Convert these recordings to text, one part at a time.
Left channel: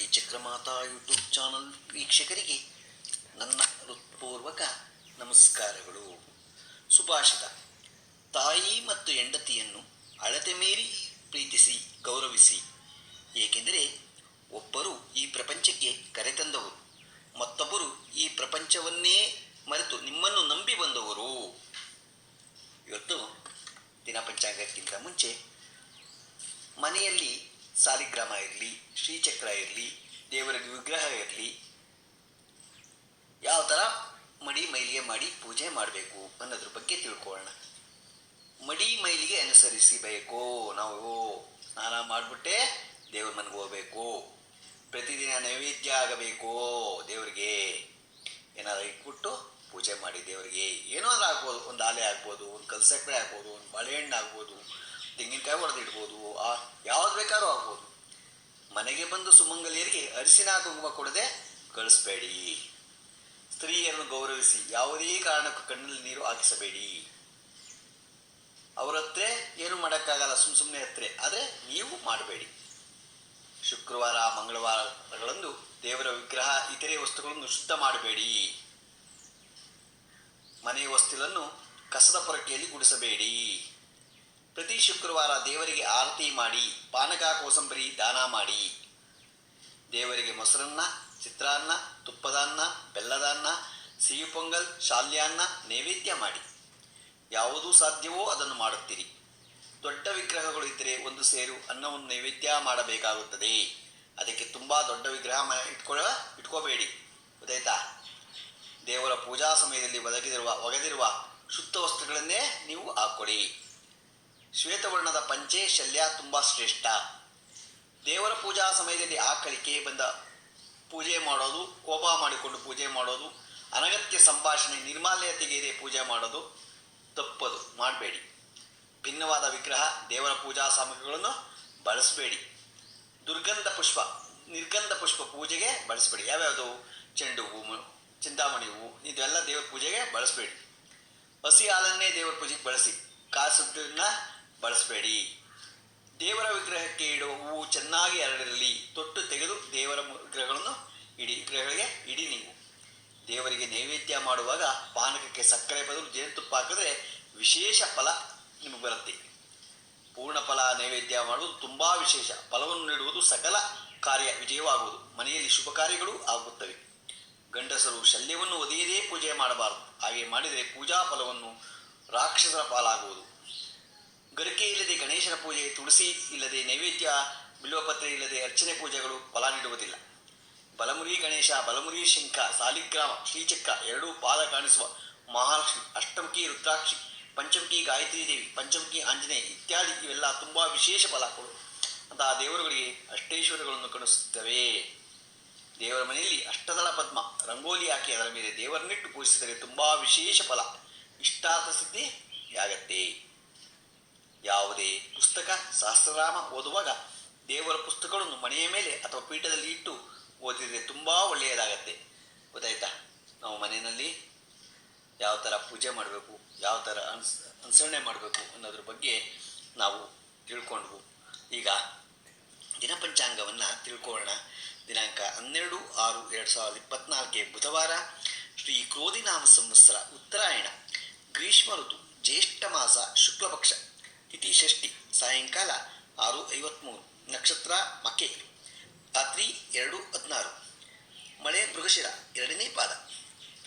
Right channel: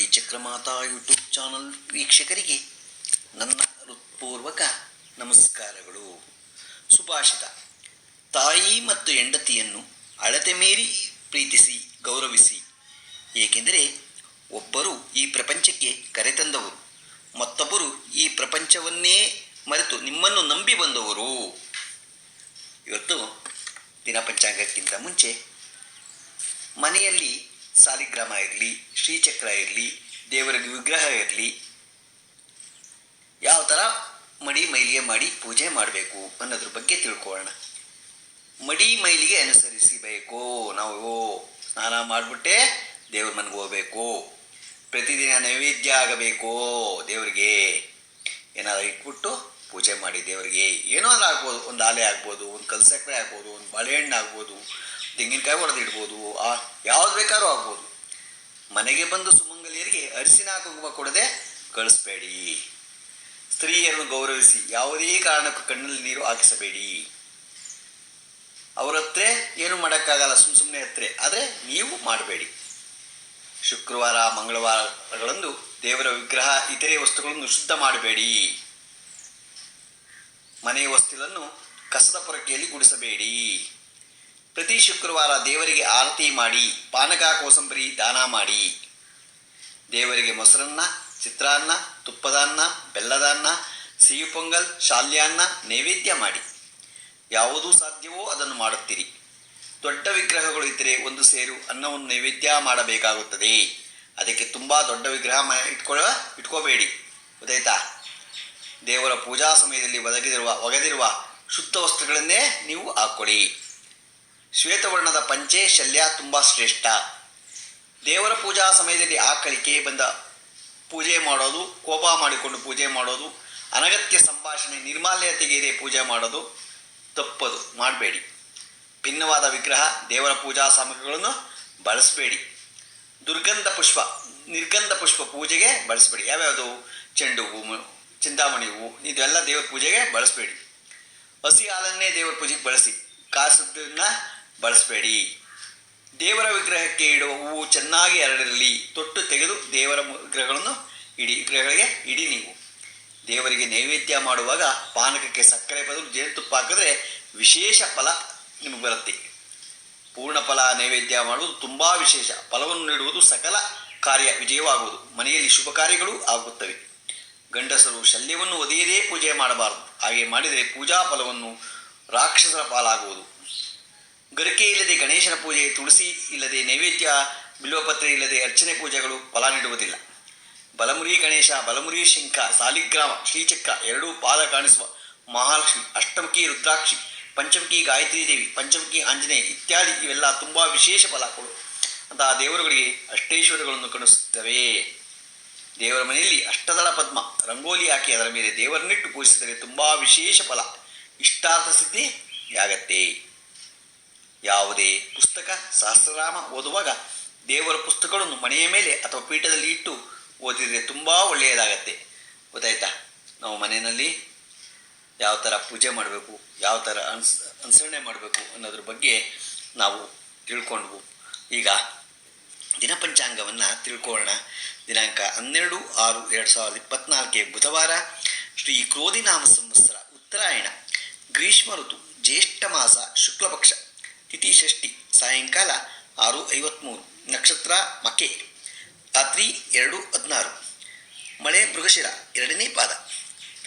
Shri Chakramata YouTube channel ವೀಕ್ಷಕರಿಗೆ ನನ್ನ ಹೃತ್ಪೂರ್ವಕ ನಮಸ್ಕಾರಗಳು. ಸುಭಾಷಿತ: ತಾಯಿ ಮತ್ತು ಹೆಂಡತಿಯನ್ನು ಅಳತೆ ಮೀರಿ ಪ್ರೀತಿಸಿ ಗೌರವಿಸಿ, ಏಕೆಂದರೆ ಒಬ್ಬರು ಈ ಪ್ರಪಂಚಕ್ಕೆ ಕರೆತಂದವರು, ಮತ್ತೊಬ್ಬರು ಈ ಪ್ರಪಂಚವನ್ನೇ ಮರೆತು ನಿಮ್ಮನ್ನು ನಂಬಿ ಬಂದವರು. ಇವತ್ತು ದಿನ ಪಂಚಾಂಗಕ್ಕಿಂತ ಮುಂಚೆ ಮನೆಯಲ್ಲಿ ಸಾಲಿಗ್ರಾಮ ಇರಲಿ, ಶ್ರೀಚಕ್ರ ಇರಲಿ, ದೇವರ ವಿಗ್ರಹ ಇರಲಿ, ಯಾವ ಥರ ಮಡಿ ಮೈಲಿಗೆ ಮಾಡಿ ಪೂಜೆ ಮಾಡಬೇಕು ಅನ್ನೋದ್ರ ಬಗ್ಗೆ ತಿಳ್ಕೊಳ್ಳೋಣ. ಮಡಿ ಮೈಲಿಗೆ ಅನುಸರಿಸಬೇಕು. ನಾವು ಸ್ನಾನ ಮಾಡಿಬಿಟ್ಟೆ ದೇವ್ರ ಮನೆಗೆ ಹೋಗ್ಬೇಕು, ಪ್ರತಿದಿನ ನೈವೇದ್ಯ ಆಗಬೇಕು, ದೇವರಿಗೆ ಏನಾದರೂ ಇಟ್ಬಿಟ್ಟು ಪೂಜೆ ಮಾಡಿ ದೇವರಿಗೆ ಏನಾದರೂ ಆಗ್ಬೋದು. ಒಂದು ಆಲೆ ಆಗ್ಬೋದು, ಒಂದು ಕಲ್ಸಕ್ಕರೆ ಆಗ್ಬೋದು, ಒಂದು ಬಾಳೆಹಣ್ಣು ಆಗ್ಬೋದು, ತೆಂಗಿನಕಾಯಿ ಹೊಡೆದಿಡ್ಬೋದು, ಯಾವ್ದು ಬೇಕಾದ್ರೂ ಆಗ್ಬೋದು. ಮನೆಗೆ ಬಂದು ಸುಮಂಗಲಿಯರಿಗೆ ಅರಿಶಿನ ಕುಂಕುಮ ಕೊಡದೆ ಕಳಿಸ್ಬೇಡಿ. ಸ್ತ್ರೀಯರನ್ನು ಗೌರವಿಸಿ, ಯಾವುದೇ ಕಾರಣಕ್ಕೂ ಕಣ್ಣಲ್ಲಿ ನೀರು ಹಾಕಿಸಬೇಡಿ. ಅವ್ರ ಹತ್ರ ಏನು ಮಾಡೋಕ್ಕಾಗಲ್ಲ, ಸುಮ್ಮನೆ ಹತ್ರ, ಆದರೆ ನೀವು ಮಾಡಬೇಡಿ. ಶುಕ್ರವಾರ ಮಂಗಳವಾರಗಳಂದು ದೇವರ ವಿಗ್ರಹ ಇತರೆ ವಸ್ತುಗಳನ್ನು ಶುದ್ಧ ಮಾಡಬೇಡಿ. ಮನೆಯ ವಸ್ತುಗಳನ್ನು ಕಸದ ಪೊರಕೆಯಲ್ಲಿ ಗುಡಿಸಬೇಡಿ. ಪ್ರತಿ ಶುಕ್ರವಾರ ದೇವರಿಗೆ ಆರತಿ ಮಾಡಿ, ಪಾನಕ ಕೋಸಂಬರಿ ದಾನ ಮಾಡಿ. ದೇವರಿಗೆ ಮೊಸರನ್ನ, ಚಿತ್ರಾನ್ನ, ತುಪ್ಪದ ಅನ್ನ, ಬೆಲ್ಲದ ಅನ್ನ, ಸಿಹಿ ಪೊಂಗಲ್, ಶಾಲ್ಯಾನ್ನ ನೈವೇದ್ಯ ಮಾಡಿ. ಯಾವುದು ಸಾಧ್ಯವೋ ಅದನ್ನು ಮಾಡುತ್ತೀರಿ. ದೊಡ್ಡ ವಿಗ್ರಹಗಳು ಇದ್ದರೆ ಒಂದು ಸೇರು ಅನ್ನವನ್ನು ನೈವೇದ್ಯ ಮಾಡಬೇಕಾಗುತ್ತದೆ. ಅದಕ್ಕೆ ತುಂಬ ದೊಡ್ಡ ವಿಗ್ರಹ ಇಟ್ಕೋಬೇಡಿ. ಗೊತ್ತಾಯ್ತಾ? ದೇವರ ಪೂಜಾ ಸಮಯದಲ್ಲಿ ಒಗೆದಿರುವ ಶುದ್ಧ ವಸ್ತ್ರಗಳನ್ನೇ ನೀವು ಹಾಕ್ಕೊಳ್ಳಿ. ಶ್ವೇತವರ್ಣದ ಪಂಚೆ ಶಲ್ಯ ತುಂಬ ಶ್ರೇಷ್ಠ. ದೇವರ ಪೂಜಾ ಸಮಯದಲ್ಲಿ ಆಕಳಿಕೆ ಬಂದ ಪೂಜೆ ಮಾಡೋದು, ಕೋಪ ಮಾಡಿಕೊಂಡು ಪೂಜೆ ಮಾಡೋದು, ಅನಗತ್ಯ ಸಂಭಾಷಣೆ, ನಿರ್ಮಾಲ್ಯ ತೆಗೆಯದೆ ಪೂಜೆ ಮಾಡೋದು ತಪ್ಪದು, ಮಾಡಬೇಡಿ. ಭಿನ್ನವಾದ ವಿಗ್ರಹ, ದೇವರ ಪೂಜಾ ಸಾಮಗ್ರಿಗಳನ್ನು ಬಳಸಬೇಡಿ. ನಿರ್ಗಂಧ ಪುಷ್ಪ ಪೂಜೆಗೆ ಬಳಸಬೇಡಿ. ಯಾವ್ಯಾವುದು? ಚೆಂಡು ಹೂವು, ಚಿಂತಾಮಣಿ ಹೂವು, ಇದೆಲ್ಲ ದೇವರ ಪೂಜೆಗೆ ಬಳಸಬೇಡಿ. ಹಸಿ ಹಾಲನ್ನೇ ದೇವರ ಪೂಜೆಗೆ ಬಳಸಿ, ಕಾಸನ್ನ ಬಳಸಬೇಡಿ. ದೇವರ ವಿಗ್ರಹಕ್ಕೆ ಇಡುವ ಹೂವು ಚೆನ್ನಾಗಿ ಹರಡಿರಲಿ. ತೊಟ್ಟು ತೆಗೆದು ದೇವರ ವಿಗ್ರಹಗಳಿಗೆ ಇಡಿ. ನೀವು ದೇವರಿಗೆ ನೈವೇದ್ಯ ಮಾಡುವಾಗ ಪಾನಕಕ್ಕೆ ಸಕ್ಕರೆ ಬದಲು ಜೇನುತುಪ್ಪ ಹಾಕಿದ್ರೆ ವಿಶೇಷ ಫಲ ನಿಮಗೆ ಬರುತ್ತೆ. ಪೂರ್ಣ ಫಲ ನೈವೇದ್ಯ ಮಾಡುವುದು ತುಂಬ ವಿಶೇಷ. ಫಲವನ್ನು ನೀಡುವುದು ಸಕಲ ಕಾರ್ಯ ವಿಜಯವಾಗುವುದು. ಮನೆಯಲ್ಲಿ ಶುಭ ಕಾರ್ಯಗಳು ಆಗುತ್ತವೆ. ಗಂಡಸರು ಶಲ್ಯವನ್ನು ಒದೆಯದೇ ಪೂಜೆ ಮಾಡಬಾರದು. ಹಾಗೆ ಮಾಡಿದರೆ ಪೂಜಾ ಫಲವನ್ನು ರಾಕ್ಷಸರ ಪಾಲಾಗುವುದು. ಗರಿಕೆ ಇಲ್ಲದೆ ಗಣೇಶನ ಪೂಜೆ, ತುಳಸಿ ಇಲ್ಲದೆ ನೈವೇದ್ಯ, ಬಿಲ್ವಪತ್ರೆ ಇಲ್ಲದೆ ಅರ್ಚನೆ ಪೂಜೆಗಳು ಫಲ ನೀಡುವುದಿಲ್ಲ. ಬಲಮುರಿ ಗಣೇಶ, ಬಲಮುರಿ ಶಂಖ, ಸಾಲಿಗ್ರಾಮ, ಶ್ರೀಚಕ್ರ, ಎರಡೂ ಪಾದ ಕಾಣಿಸುವ ಮಹಾಲಕ್ಷ್ಮಿ, ಅಷ್ಟಮುಖಿ ರುದ್ರಾಕ್ಷಿ, ಪಂಚಮುಖಿ ಗಾಯತ್ರಿ ದೇವಿ, ಪಂಚಮುಖಿ ಆಂಜನೇಯ ಇತ್ಯಾದಿ ಇವೆಲ್ಲ ತುಂಬ ವಿಶೇಷ ಫಲ ಕೊಡು ಅಂತಹ ದೇವರುಗಳಿಗೆ ಅಷ್ಟೈಶ್ವರ್ಯಗಳನ್ನು ಕಾಣಿಸುತ್ತವೆ. ದೇವರ ಮನೆಯಲ್ಲಿ ಅಷ್ಟದಳ ಪದ್ಮ ರಂಗೋಲಿ ಹಾಕಿ ಅದರ ಮೇಲೆ ದೇವರನ್ನಿಟ್ಟು ಪೂಜಿಸಿದರೆ ತುಂಬ ವಿಶೇಷ ಫಲ, ಇಷ್ಟಾರ್ಥ ಸಿದ್ಧಿಯಾಗತ್ತೆ. ಯಾವುದೇ ಪುಸ್ತಕ, ಸಹಸ್ರನಾಮ ಓದುವಾಗ ದೇವರ ಪುಸ್ತಕಗಳನ್ನು ಮನೆಯ ಮೇಲೆ ಅಥವಾ ಪೀಠದಲ್ಲಿ ಇಟ್ಟು ಓದಿದರೆ ತುಂಬ ಒಳ್ಳೆಯದಾಗತ್ತೆ. ಗೊತ್ತಾಯ್ತಾ? ನಾವು ಮನೆಯಲ್ಲಿ ಯಾವ ಥರ ಪೂಜೆ ಮಾಡಬೇಕು, ಯಾವ ಥರ ಅನುಸರಣೆ ಮಾಡಬೇಕು ಅನ್ನೋದ್ರ ಬಗ್ಗೆ ನಾವು ತಿಳ್ಕೊಂಡ್ವು. ಈಗ ದಿನಪಂಚಾಂಗವನ್ನು ತಿಳ್ಕೊಳ್ಳೋಣ. ದಿನಾಂಕ 12/6/2024 ಬುಧವಾರ, ಶ್ರೀ ಕ್ರೋಧಿನಾಮ ಸಂವತ್ಸರ, ಉತ್ತರಾಯಣ, ಗ್ರೀಷ್ಮ ಋತು, ಜ್ಯೇಷ್ಠ ಮಾಸ, ಶುಕ್ಲಪಕ್ಷ, ತಿಥಿ ಷಷ್ಠಿ, ಸಾಯಂಕಾಲ 6:53, ನಕ್ಷತ್ರ ಮಕೆ, ರಾತ್ರಿ 2:16, ಮಳೆ ಮೃಗಶಿರ 2ನೇ ಪಾದ,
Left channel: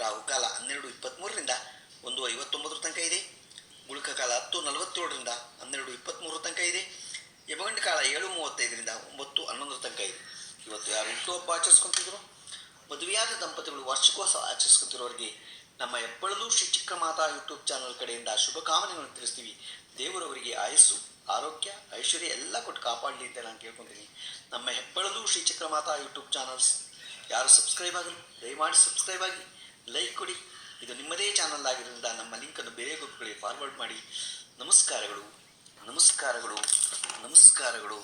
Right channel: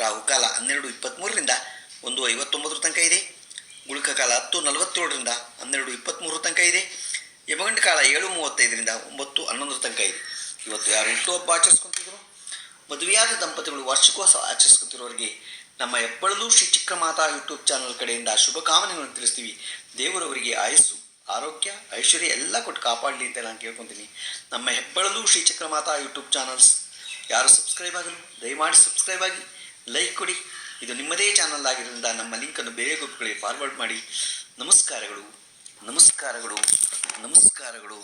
ರಾಹುಕಾಲ 12:23ರಿಂದ 1:59 ತನಕ ಇದೆ, ಗುಳಿಕ ಕಾಲ 10:47ರಿಂದ 12:23 ತನಕ ಇದೆ, ಯಮಗಂಡ ಕಾಲ 7:35ರಿಂದ 9:11 ತನಕ ಇದೆ. ಇವತ್ತು ಯಾರು ಹುಟ್ಟುಹಬ್ಬ ಆಚರಿಸ್ಕೊತಿದ್ರು, ಮದುವೆಯಾದ ದಂಪತಿಗಳು ವಾರ್ಷಿಕೋತ್ಸವ ಆಚರಿಸ್ಕೊತಿರೋರಿಗೆ ನಮ್ಮ ಹೆಬ್ಬಳಲು ಶ್ರೀ ಚಕ್ರಮಾತಾ ಯೂಟ್ಯೂಬ್ ಚಾನಲ್ ಕಡೆಯಿಂದ ಶುಭ ಕಾಮನೆಗಳನ್ನು ತಿಳಿಸ್ತೀವಿ. ದೇವರವರಿಗೆ ಆಯಸ್ಸು, ಆರೋಗ್ಯ, ಐಶ್ವರ್ಯ ಎಲ್ಲ ಕೊಟ್ಟು ಕಾಪಾಡಲಿ ಅಂತ ನಾನು ಕೇಳ್ಕೊತೀನಿ. ನಮ್ಮ ಹೆಬ್ಬಳಲು ಶ್ರೀ ಚಕ್ರಮಾತಾ ಯೂಟ್ಯೂಬ್ ಚಾನಲ್ಸ್ ಯಾರು ಸಬ್ಸ್ಕ್ರೈಬ್ ಆಗಲು ದಯಮಾಡಿ ಸಬ್ಸ್ಕ್ರೈಬ್ ಆಗಿ, ಲೈಕ್ ಕೊಡಿ. ಇದು ನಿಮ್ಮದೇ ಚಾನಲ್ ಆಗಿರೋದ್ರಿಂದ ನಮ್ಮ ಲಿಂಕನ್ನು ಬೇರೆ ಗ್ರೂಪ್ಗಳಿಗೆ ಫಾರ್ವರ್ಡ್ ಮಾಡಿ. ನಮಸ್ಕಾರಗಳು, ನಮಸ್ಕಾರಗಳು, ನಮಸ್ಕಾರಗಳು.